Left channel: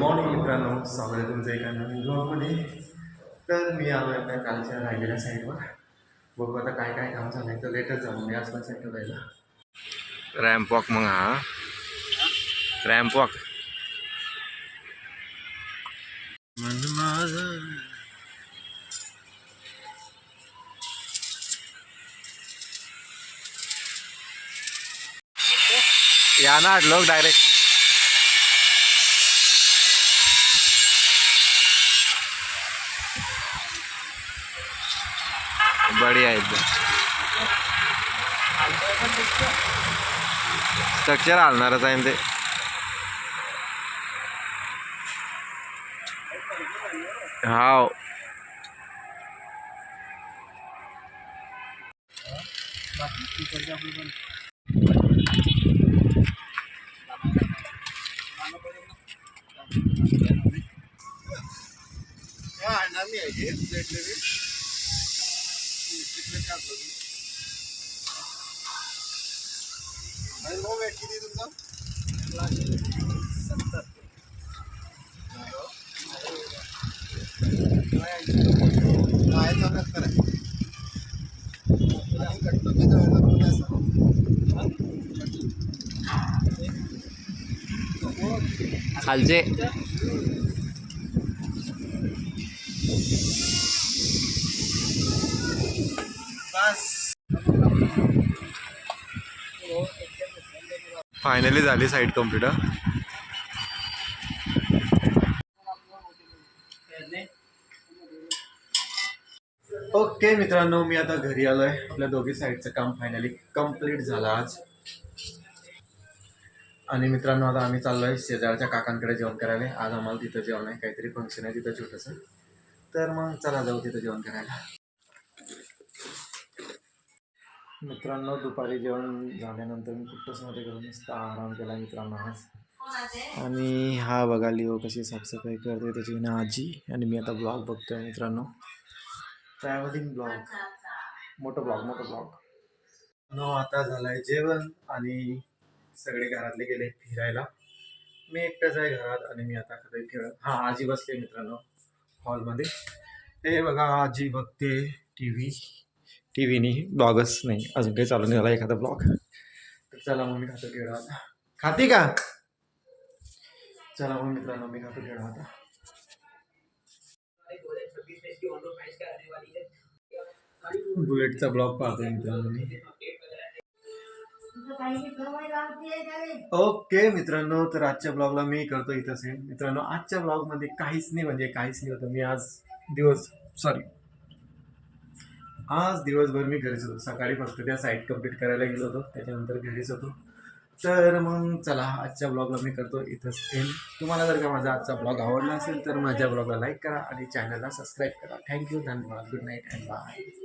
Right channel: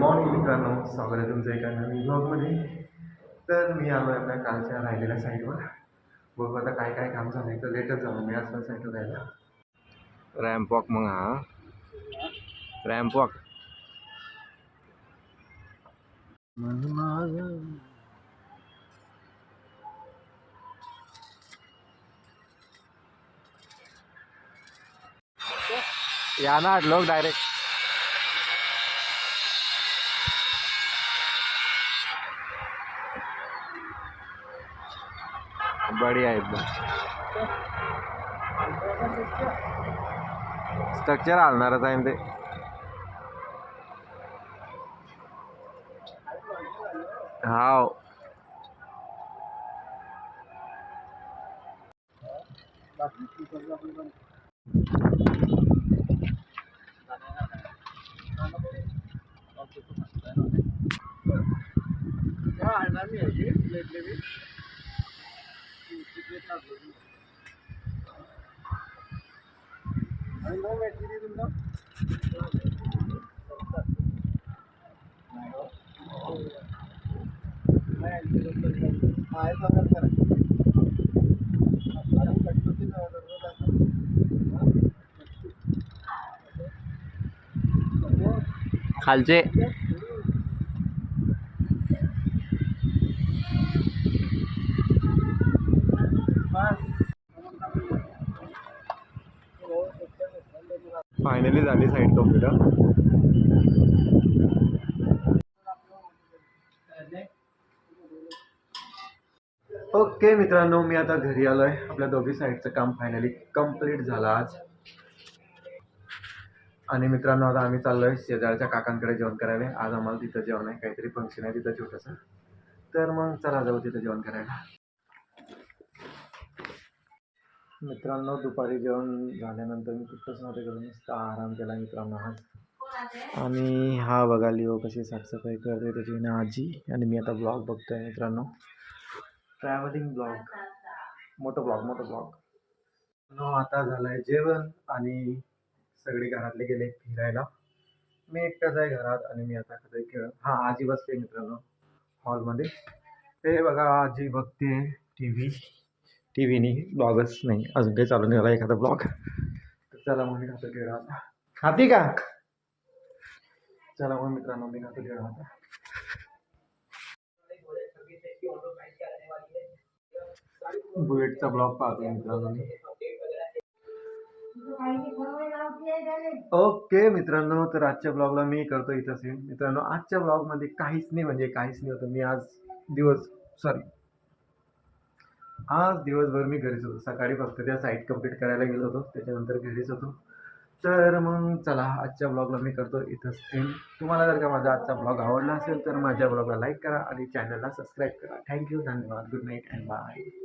Morning मित्रांनो, स्वागत आहे तुमचं एका नवीन ब्लॉगमध्ये. तर मी आलो आपल्या कालच्या राहिलेल्या साईडवर. बघू आता काय काय काम झालं आहे. तर लेटच जाऊ मी आज पण साईडवर राहिला. रॅम्प वॉक मग हा रॅम्प वॉक मन माझं या ना लोग डायरेक्ट बढ़िया एकदम स्ट्रक्चर हलणारच आहे ते. हाव खालचे फायनली झाली साईट कंप्लीट. ओके मित्रांनो, मी आता घरी आलोय. आपल्या दोघी साईडचं काम फायनली कंप्लीट झालं आज. आणि मित्रांनो, आता आम्ही चाललोय शेजारच्या काकांकडे जेवण करायला. आज आम्हाला तिथं जेवण आहे, काहीतरी फंक्शन आहे तिथं छोटंसं. तर मग चला जाऊ तिथं जेवण करायला. मित्रांनो, दुपारी जेवण झाल्यानंतर मी कुठंच नव्हते करून नुसता आराम केला मित्रांनो आज. आणि हा बघा लिओ कशी साफसफाई करते त्याची ना आजी. आणि मी आता ब्लॉग बघतोय मित्रांनो, ट्रॅव्हलिंग ब्लॉग, मोठं ब्लॉग. नो आता झालंय जेवण आणि सगळे घरातले गेले फिरायला. मी एकटाच आहे घरात आणि मी आता कधी खेळत. हां, आजी बसते मित्रांनो हॉलमध्ये. ते बघा आजी बघते टी व्हीनी. ब्लॉगच नाही अजून काही चालू नाही झाला एखादा ब्लॉग. तर चला मग मी खातो खेळ आता. खाते का? चला मग मित्रांनो, मी खातो खेळ आता. बुलेटचा ब्लॉग पाहतोय मित्रांनो मी. ओके मित्रांनो, तर आजच्या ब्लॉगला मी करतो इथं सेंड. मित्रांनो, आजच्या ब्लॉगमध्ये काहीच नाही होतं. मी आज दिवसभर मी घरीच होतो. सकाळी फक्त त्या साईट कंप्लीट करायला गेलो होतो, त्याच्यानंतर घरीच होतो. तर मग चला आजच्या ब्लॉगला मी करतो इथंच एंड. तुम्हाला जर का माझा आजचा ब्लॉग आवडला असेल तर माझ्या ब्लॉगला लाईक करा आणि चॅनलला सबस्क्राईब करा. थँक्यू, धन्यवाद, गुड नाईट अँड बाय.